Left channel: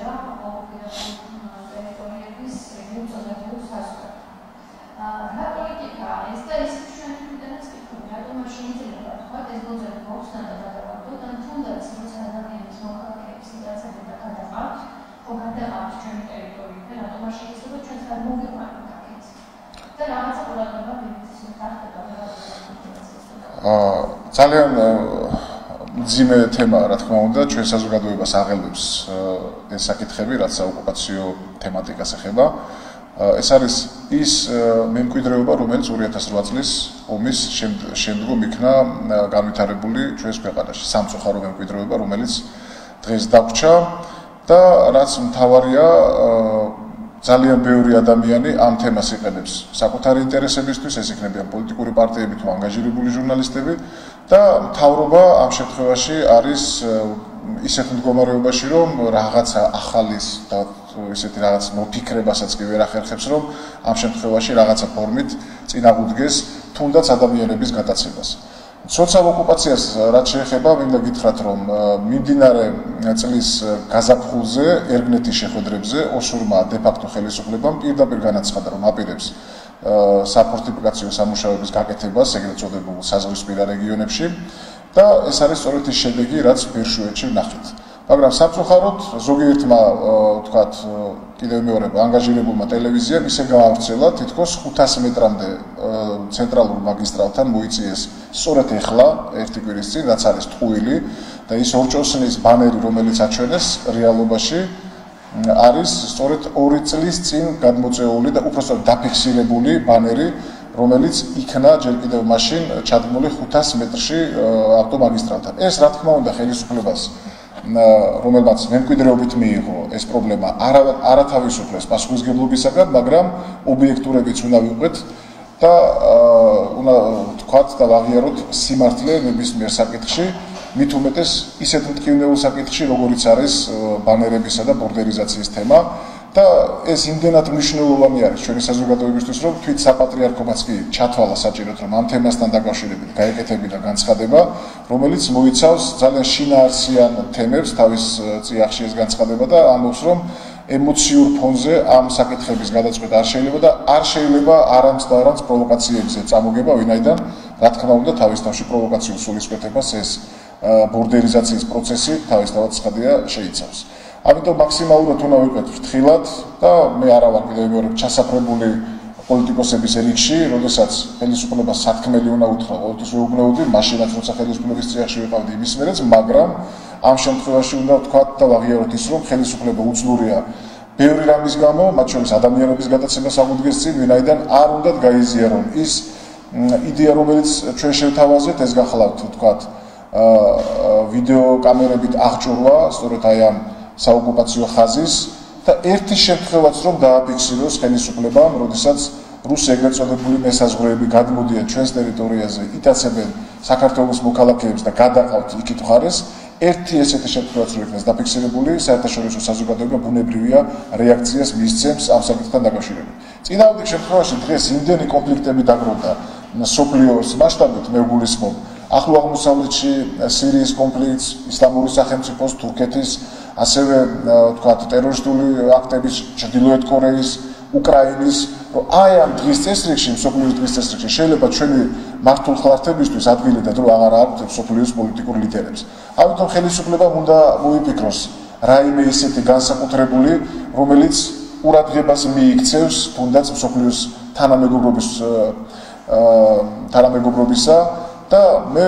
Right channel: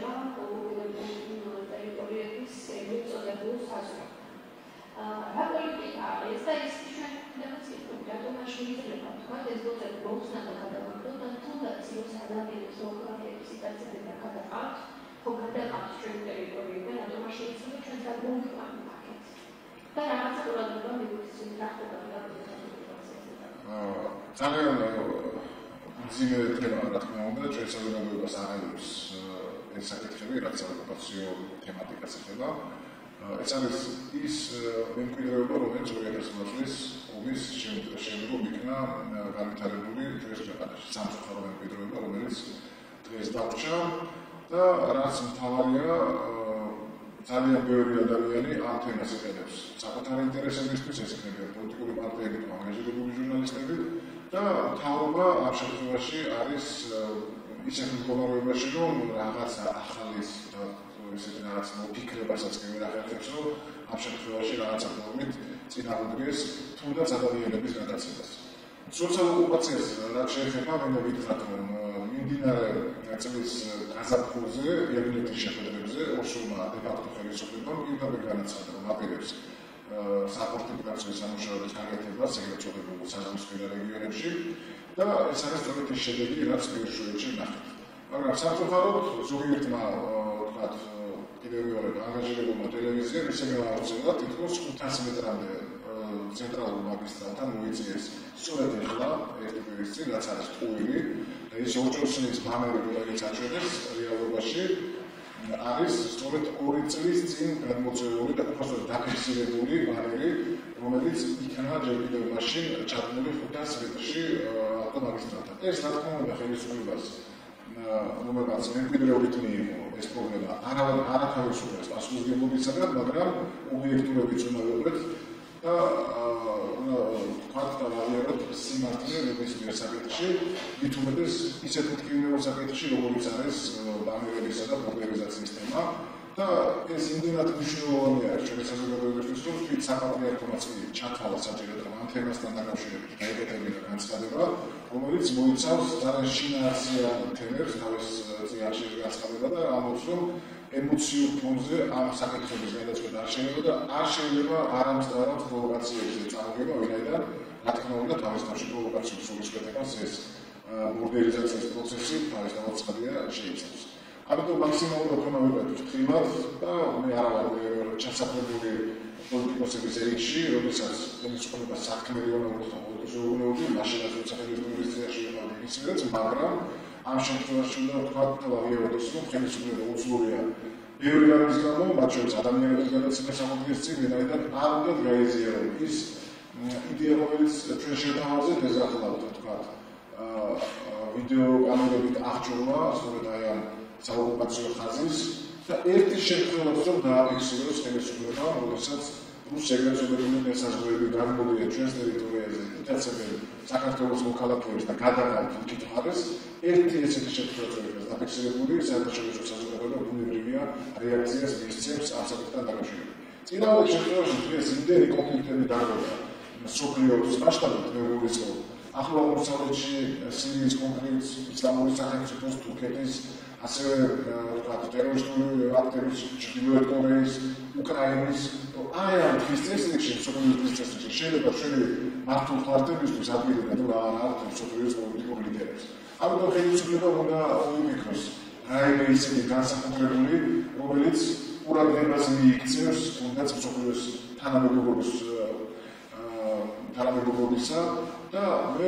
შეება ოკუპირებული ტერიტორიების მიწოდებულ საზღვრად. რა პოლიტიკაა ეს და ის ჩვენ თვითონაც ვიტყვით, რატომ არ შეიძლება თქვა ეს ბოძები მოხსნა და გადავარდოთ, ან თუნდაც როცა ადამიანის მოქალაქეების სიტუაცია და გადაყავთ, ხო გადაყავთ ჩვენი ტერიტორიიდან, რატომ არ შეიძლება ჩვენს გადმოვიყვანოთ აქეთ. და რაღაცა ყურადღება მივიქცევთ ხდება ძალიან მძიმე თემაა, რა თქმა უნდა, ჩვენ საზოგადოებას აღელვებს ეს საკითხები, რაც საოკუპაციო თემატიკას ეხება. ეს არის ის მემკვიდრეობა, რომელიც 2008 წლის ომის შემდგომ იქნა განვითარებული ჩვენს ქვეყანაში. სამწუხარო მემკვიდრეობა, რომელიც დღეს დაგვჭა და რაც მთავარია, ძალიან ბევრი ადამიანი ამ თემას იყენებს საკუთარი ინტერესებისთვის, ეს იქნება პოლიტიკური პარტიები თუ ანგაჟირებული ჟურნალისტები და მთავრობა ამ შემთხვევაში არის ისეთ მდგომარეობაში, რომ რაღაცა ახალის და ისეთი რაღაც მოფიქრებასაც კი ვერ ახერხებს, რომ ამ შემთხვევაში რაღაცა ფორმით წინააღმდეგეს თუნდაც ადამიანების გადაცემას. სოციალ ოკუპაციას რაც შეეხება, მინდა გითხრათ, რომ მიმდინარე წლის გაზაფხულზე ერგნეთის შეხვედრებზე ოსურმა დე-ფაქტო ხელისუფლებამ პირდაპირ განაცხადა, რომ აპირებს საფორტიფიკაციო სამუშაოების გაკეთებას ეგრეთ წოდებულ საზღვრისპირა რეგიონებში და ეს არის სწორედ ის შედეგი, რაც ბირშუეთში ვნახეთ. მაგრამ სამწუხაროდ ზოგიერთმა ვთქვათ, კიდევ მეორე ანგაჟირებულმა ტელევიზიამ ისე გაავრცელა, თითქოს 500 მეტრამდე ცენტრალურ მაგისტრალთან მოიწიეს სწორედ ეხლა ერთი კვირის წინ, რაც არის ტყუილი და ის ორჭოსნის ბანერი, რომელიც აჩვენეს რეალობაში არის სწორედ 2 წლის წინ გადმოწეული და უпростоრად დაფიქსირებული ბანერი, რომელიც იქნა ჯერ კიდევ მაშინ ჩადგმული 500 მეტრში ავტომაგისტრალთან. ეს რა თქმა უნდა ხელისუფლებას რომელმაც მემკვიდრეობით მიიღო ეს პრობლემა არათავისუფლებს პასუხისმგებლობისაგან, მაგრამ ობიექტურებიც უნდა ვიყვეთ და უნდა ვთქვათ და ვაღიაროთ სიმართლე ნებისმიერ საკითხში, მით უმეტეს ისეთ მტკივნეულ საკითხში, როგორიც არის ბანერებისა და ბორდერიზაციის თემა. და ეს იმდენად მნიშვნელოვანი არის ჩვენი საზოგადოებისთვის, რომ თვით საპატრიარქომაც კი ჩათვალა საჭიროდ, რომ ამ თემასთან დაკავშირებით გაეკეთებინა განცხადება, რომელიც მოიცავს ძალიან შინაარსიან თემებს, თავის წიაღში ეს განცხადება და ამბობს, რომ ემოციურ ფონზე ამ საკითხების გადაწყვეტა არ შეიძლება და არ შეიძლება არამც და არამც პროვოკაციებზე წამოგება, ვინაიდან რა თქმა უნდა თავისთავში პროვოკაციულ სულისკვეთებას ეს ბორდერიზაციის პროცესი თავისთავად ცხადია შეიცავს. ამიტომ მაქსიმალურად უნდა ვიყოთ ფრთხილად და მე არა ვარ კიდევ მეორე ჩასაფრებული პოლიტიკოსების რიგში, როდესაც ხელისუფლებას სათქმელი უნდა უთხრა, ყოველთვის ვეუბნეოდი, მაშინაც როცა ხელისუფლების წიაღში ვიყავდი იმის მერეც, მაგრამ ამ შემთხვევაში უნდა ვთქვათ და ვაღიაროთ ის, რომ ხელისუფლება უძლურია ბევრი რამის გამო, მათ შორის ადამიანების გადაცემას აღუდგეს წინ, ვინაიდან არ უნდათ გაიზიარონ ის იდეა, რომელიც ჩვენ შევთავაზეთ, ეს გახლავთ ვთქვათ ვიდეო კამერებით აღჭურვა, სწორედ აი ამ საოკუპაციო ხაზის და ერთი შემთხვევაც რომ დააფიქსიროს ხელისუფლებამ, როდესაც რუსი ეგრეთ წოდებული მესაზღვრეები გადმოდიან ჩვენს ტერიტორიაზე, იტაცებენ საქართველოს მოქალაქეებს და გადაყავთ იქით მხარეს, ერთი ესეთი შემთხვევაც რომ იქნეს დაფიქსირებული, საერთაშორისო საზოგადოება ბუნებრივია რეაქციას მისცემს ამ საკითხთან დაკავშირებით. წინააღმდეგ შემთხვევაში დღეს იმდენი კონფლიქტები დაგროვდა სოფლიოს მასშტაბით, მე ვგულისხმობ ახლო აღმოსავლეთში სირიის კონფლიქტს, ისლამური სახელმწიფოს, თურქეთის ასევე ვთქვათ ტერორისტული აქტების ჩრდილოეთ კორეის, უკრაინის, რომ აი ამ დღის წესრიგში, მსოფლიოს დღის წესრიგში შეიძლება ჩვენი მართულ ხალხებისთვის ადგილი და დრო აღარ აქვთ მსოფლიოს პოლიტიკურ ლიდერებს. ამიტომ ხელისუფლებამ უნდა მოიფიქროს რაიმე ისეთი განსაკუთრებული, რომელიც ყურადღებას მიიქცევს თუნდაც მსოფლიოს თანამეგობრობისა და მე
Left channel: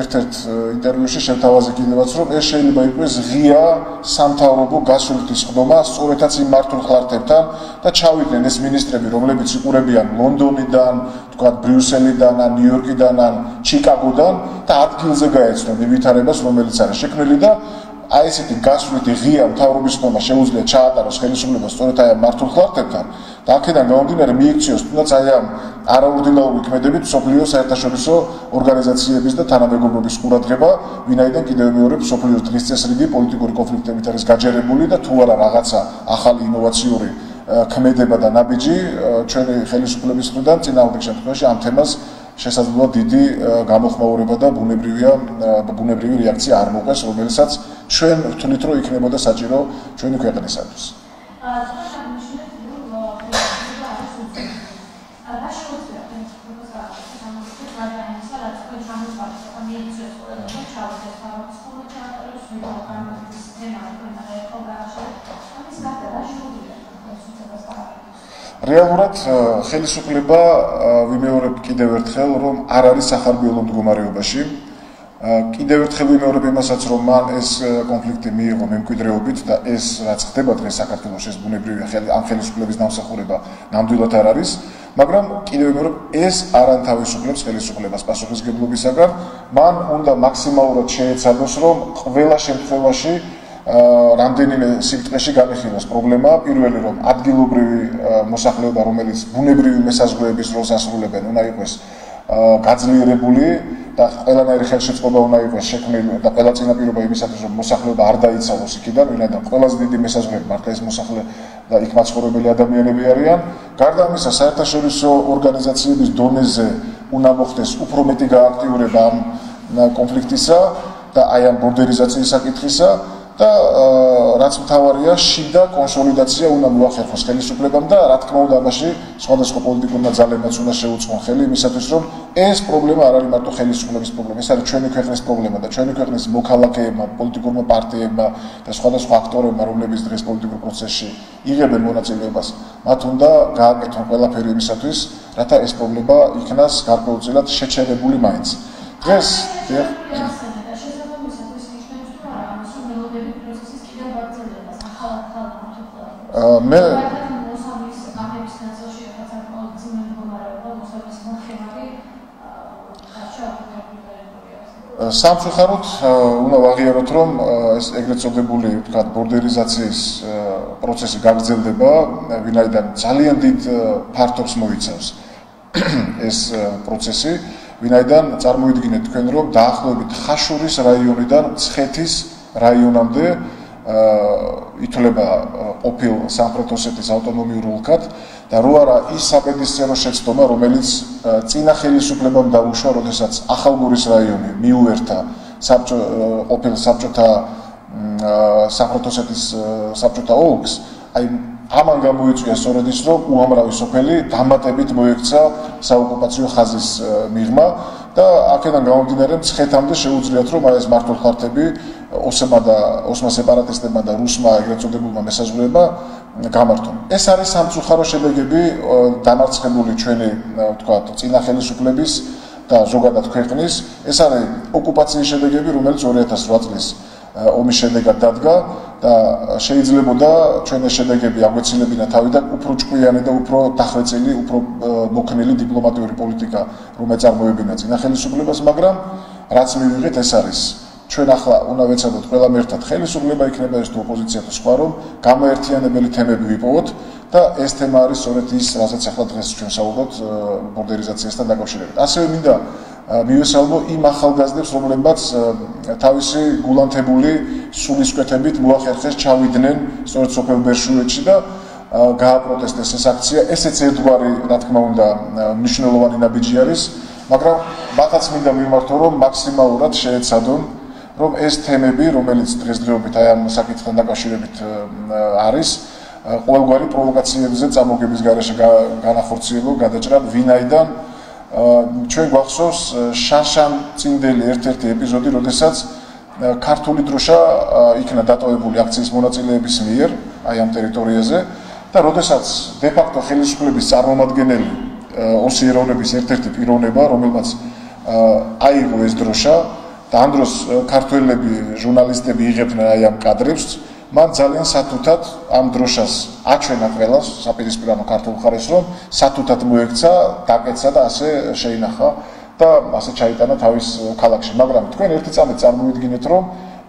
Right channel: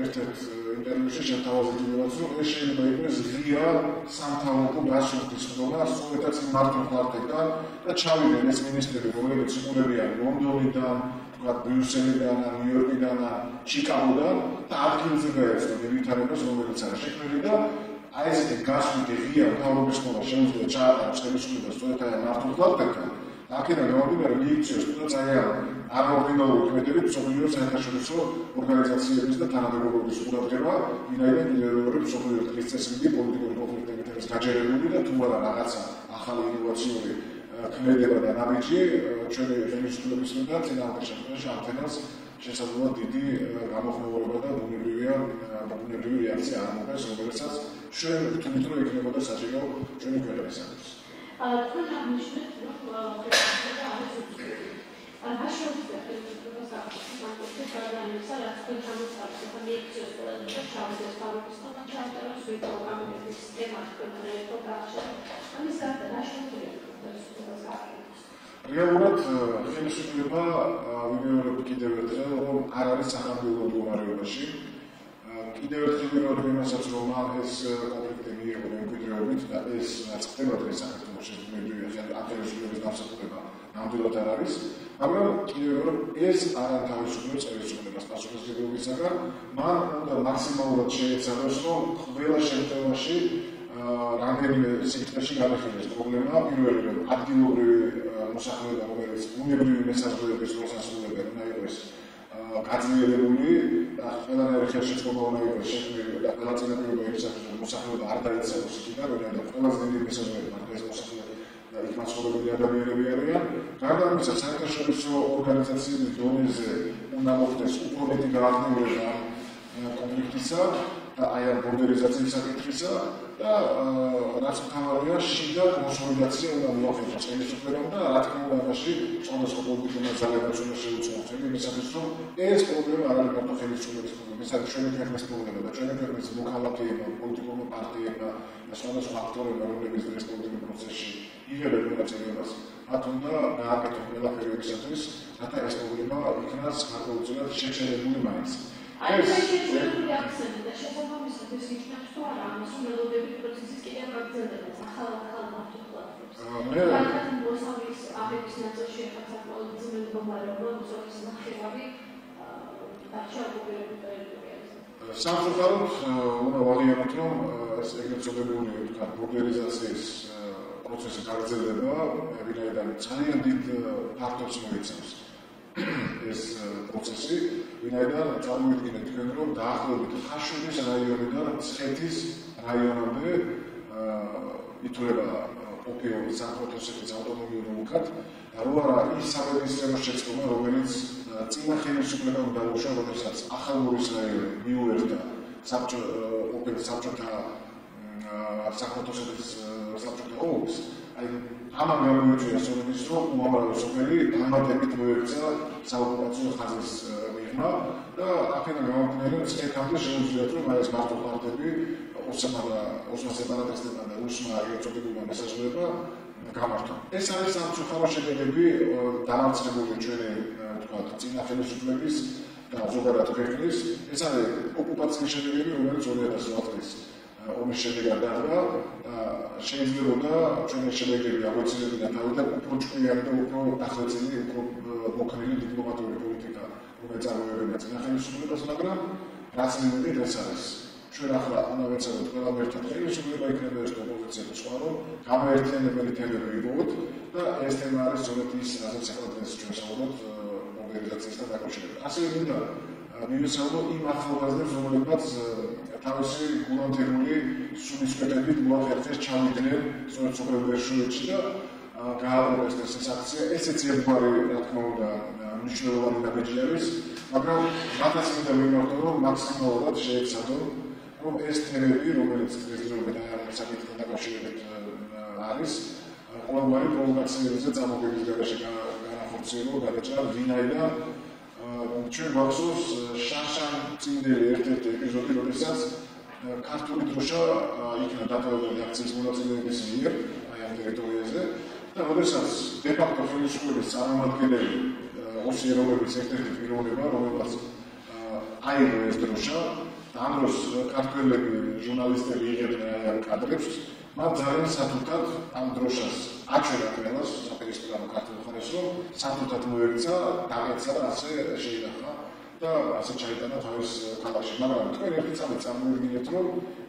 ერთ-ერთ ინტერვიუში შევთავაზე კიდევაც, რომ ეს შეიძლება იყოს ღია სამთავრობო გასვლითი სხდომა სწორედაც იმ მართულ ხალხებთან და ჩავიდნენ ეს მინისტრები, რომლებიც იყურებიან ლონდონიდან, თქვათ ბრიუსელიდან, ან ნიუ-იორკიდან, ან ჩიკაგოდან და ადგილზე გაეცნონ იმ ვითარებას, რომელიც არის შექმნილი და აი ესეთი გასვლითი ღია მთავრობის ხდომა შეუძლია ჩაატაროს ხელისუფლებას სწორედ აი ამ მართულ ხალხებთან და აქედან გამომდინარე მიიქციოს თუნდაც აი ამ არაორდინალური ქმედებით მსოფლიოს საერთაშორისო ორგანიზაციების და თანამეგობრობის ყურადღება, ვინაიდან კიდევ მეორე მსოფლიოს დღის წესრიგი პოლიტიკური კონფლიქტებით არის გაჯერებული და თუ არა რაღაცა ახალი ინოვაციური ქმედება და ნაბიჯი ჩვენი ხელისუფლების მხრიდან წინააღმდეგ შემთხვევაში ამ თემას შესაძლოა დიდი გამოხმაურება და ბუნებრივი რეაქცია არ მოყვეს, რომელსაც ჩვენ ვთვლით, რომ იქნებოდა საჭირო ჩვენი ქვეყნისათვის. რეალურად ხელისუფლება ვიმეორებ კიდევ ერთხელ, რომ არ არის სახარბიელო მდგომარეობაში. კიდევ ერთხელ ვიმეორებ იმასაც, რომ მან ეს კონფლიქტი მიიღო მემკვიდრეობით და ეს რაც ხდება დღეს საქართველოს ეს ბუნებრივი ამ ხელისუფლების დამსახურება ნამდვილად არ არის, მაგრამ კიდევ ვიმეორებ ეს არ ანთავისუფლებს ხელისუფლებას პასუხისმგებლობისაგან, მან უნდა მაქსიმალურად შეეცადოს, რომ ყველა შემთხვევაში რამდენიმე სიბრტყეში განეხილოს პრობლემა, პირველი რომ ადგილობრივი მოსახლეობა, რომელიც ბუნებრივი მესაზღვრეების როლს ასრულებენ, უნდა იყოს გაძლიერებული და ყველანაირი ხელშეწყობა უნდა იყოს შექმნილი და ყველა წინაპირობა იმისათვის, რომ მოსახლეობა არ დაიცალოს იქიდან, ვინაიდან ყველაზე დიდი მესაზღვრეები მართლა ეს მოსახლე და იქ მაცხოვრებელი ადამიანები არიან. გარდა ამისა, საერთაშორისო ორგანიზაციების დონეზე უნდა მოხდეს უფრო მეტი გააქტიურება ამ კონფლიქტისა და აი ამ ბორდერიზაციის საკითხისა. და რაც მთავარია, შიდა კონსოლიდაცია უნდა მოახერხოს ხელისუფლებამ და რა თქმა უნდა ამაში სხვადასხვა პოლიტიკურმა ძალებმაც უნდა შეუწყონ ხელი იმისათვის, რომ ეს პრობლემა არ არის მარტო ხელისუფლების პრობლემა, ეს არის ჩვენი ქვეყნის პრობლემა და ჩვენი ქვეყნის მოქალაქეებმა, პოლიტიკურმა პარტიებმა და სხვადასხვა აქტორებმა, რომლებიც დღეს პოლიტიკურ პროცესში იღებენ მონაწილეობას, მათ უნდა გააკეთონ ყველაფერი იმისათვის, რათა ეს პრობლემა იქნას გარკვეულწილად შეჩერებული მაინც. დღეს მე სამწუხაროდ უნდა ვაღიაროთ, რომ ეს ეგრეთ წოდებული, ვთქვათ, ბორდერიზაციის პროცესი გაგრძელდება, ვინაიდან ძალიან დიდ ფართობს მოიცავს ეს პროცესი, ვინაიდან წარმოიდგინეთ თქვენ, რომ დაახლოებით ხაშურის რაიონიდან მცხეთის რაიონამდე ითვლება ყოფილ სამხრეთ ოსეთის ავტონომიურ ოლქად და რო არა ის საბედისწერო შეცდომა, რომელიც წინა ხელისუფლებამ დაუშვა, როდესაც ახალგორის რაიონი მიუერთა ყოფილ საბჭოთა სამხრეთ ოსეთის საბჭოთა ოლქს, აი ამან გამოიწვია სწორედ ის, რომ უამრავი სოფელი დამატებით მოექცა საოკუპაციო ხაზის მიღმა და აქედან გამომდინარე მცხეთამდე შეუძლიათ, რომ აი ეს მართლმხარდები ოსმა სეპარატისტებმა და რუსმა ეგრეთ წოდებულმა მესაზღვრეებმა გამართონ. ეს არის სამწუხარო შედეგები დამარცხებული ჩვენი, ვთქვათ, წინა ხელისუფლების და ზოგადად ქვეყნის. ეს არის ოკუპაციის შედეგები, რომელიც 2008 წლის ომის შედეგად დადგა და შეიძლებოდა ჩვენ ეს შედეგები აგვეცილებინა თავიდან უფრო ჭკვიანი და უფრო დახვეწილი, უფრო მოქნილი დიპლომატიური პოლიტიკა, რომ ეწარმოებინა წინა ხელისუფლებას, მაგრამ რაც მივიღეთ ეს არის ჩვენ ახლა უნდა ვეცადოთ ყველამ ერთად ხელისუფლება იქნება ეს თუ ოპოზიცია თუ სხვა, რომ გამოერთიანებელი თემები ვიპოვოთ და ეს თემა არის სწორედ ის, რასაც ახლა დღეს ჩვენ საუბრობთ ბორდერიზაციასთან დაკავშირებით. ასევე მინდა მივესალმო იმ ახალგაზრდებს, რომლებმაც თავისი გულანთებული სულისკვეთებით მოახერხეს ჩავიდნენ სწორედ სოფელ ბერშუეთში და გააპროტესტეს ეს აქცია. ესეც ერთგვარი, რა თქმა უნდა, მნიშვნელოვანი ნაბიჯი არის, მაგრამ მათაც მინდა მიმართო, რომ მაქსიმალურად შეეცადონ, რომ ეს თემები, რომელიც დღესდღეობით აი ამ საკითხთან დაკავშირებით არის, ყოველგვარი პროვოკაციებზე წამოგების გარეშე განახორციელონ, გადაჭრან, ვინაიდან ჩვენ გვახსოვს შაშან წინდელი ერთ-ერთი ეპიზოდი, როდესაც ქართული დროშა იქნა დატოვებული აქციის მონაწილეების მიერ აი ამ ტერიტორიაზე და როდესაც დე-ფაქტო ხელისუფლების წარმომადგენელი ოსი ეროვნების ერთ-ერთი პიროვნება, რომელმაც აიღო ეს დროშა და ამ დროს ქართველები, ჟურნალისტები იღებდნენ აი ამ კადრებს, მან ძალიან სათუთად ამ დროშას აჩვენა ყველას, საპირისპირო ქართულ მხარეს, რომ სათუთად მოექცა, დაკეცა და ასე შეინახა და ასე ჩაიტანა თავის ქალაქში. მაგრამ თქვენ ერთი წამით წარმოიდგინეთ, რომ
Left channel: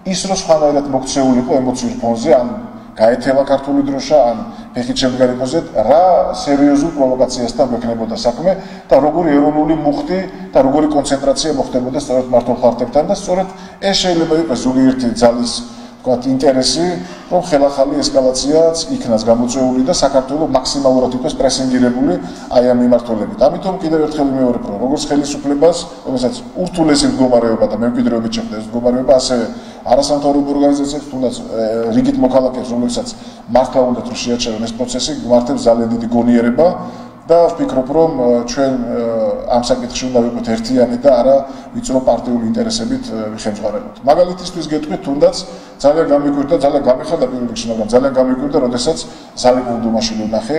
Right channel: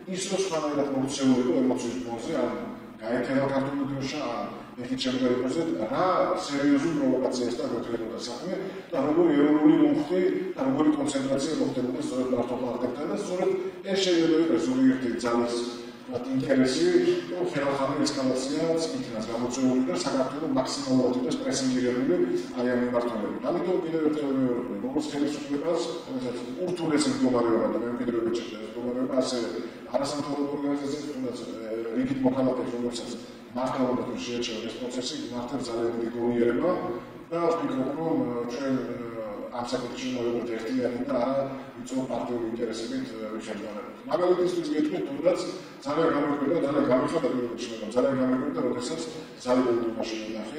ის რო სხვანაირად მოქცეულიყო ემოციურ ფონზე, ან გაეთელა ქართული დროშა, ან ფეხით შემდგარიყოზეთ, რა სერიოზულ პროვოკაციასთან გვექნებოდა საქმე და როგორი ეროვნული მუხტი და როგორი კონცენტრაცია მოხდებოდა სწორედ მართლმხარდებთან და სწორედ ეს შეიძლება იყოს ზოგიერთი ძალის ვთქვათ ინტერესი, რომ ხელახალი ესკალაციაც იქნას გამოწვეული და საქართველო მაქსიმალურად იყოს პრესინგირებული აი ამ მიმართულებით. ამიტომ კიდევ ერთხელ ვიმეორებ, რომ როგორც ხელისუფლებას, რომელსაც ურთულესი მდგომარეობა და მემკვიდრეობით შეხვდა ეს მდგომარეობა, ასევე არასამთავრობო ორგანიზაციებს, თუნდაც რიგით მოქალაქეებს, რომლებსაც მართლა უნდათ რომ შეაჩერონ ეს პროცესი, გვმართებს ძალიან დიდი გონიერება და ვფიქრობ, რომ ჩვენ ამ საკითხში უნდა ვიყოთ ერთიანი და არა ვიწრო პარტიული ინტერესებით ვიხემძღვანებოთ. მაგალითისთვის გეტყვით, თუნდაც ძალიან გამიკვირდა, ძალიან გამიხარდა პირველ რიგში, მაგრამ ძალიან გამიკვირდა, როდესაც ზალიბულ დუმაში ვნახე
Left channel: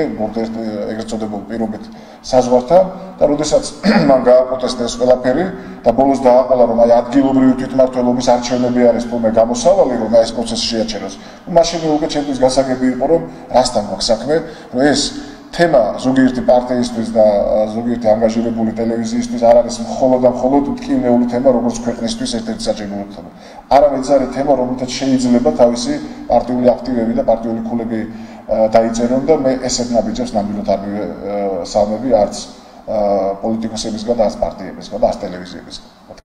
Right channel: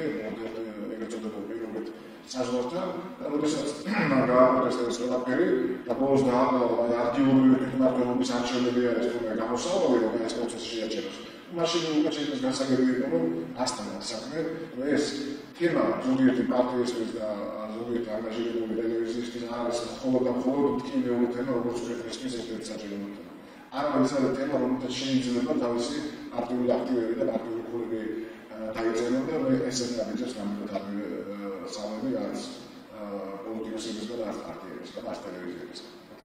ეგრეთ წოდებულ პირობით საზღვართან და როდესაც მან გააპროტესტა ეს ყველაფერი და ბოლოს დააყოლა, რომ აი ადგილობრივი თვითმმართველობის არჩევნები არის თუმე გამოსავალი, რომ ეს პროცესი შეაჩეროს. მაშინ უკვე ჩემთვის გასაგები იყო, რომ რასთან გვაქვს საქმე, რომ ეს თემა ზოგიერთი პარტიისთვის და ზოგიერთი ანგაჟირებული ტელევიზიისთვის არ არის მხოლოდ და მხოლოდ მტკივნეული თემა, როგორც ქვეყნისთვის ერთ-ერთი საჭიროა თემა. არამედ ეს არის თემა, რომელთაც შეიძლება თავისი პარტიული აქტივები და პარტიული ქულები დაიწერონ და მე ესეთ ნაბიჯებს ნამდვილად არ მივესალმები არც პოლიტიკოსებისგან და არც პარტიებისგან და არც ტელევიზიებისგან.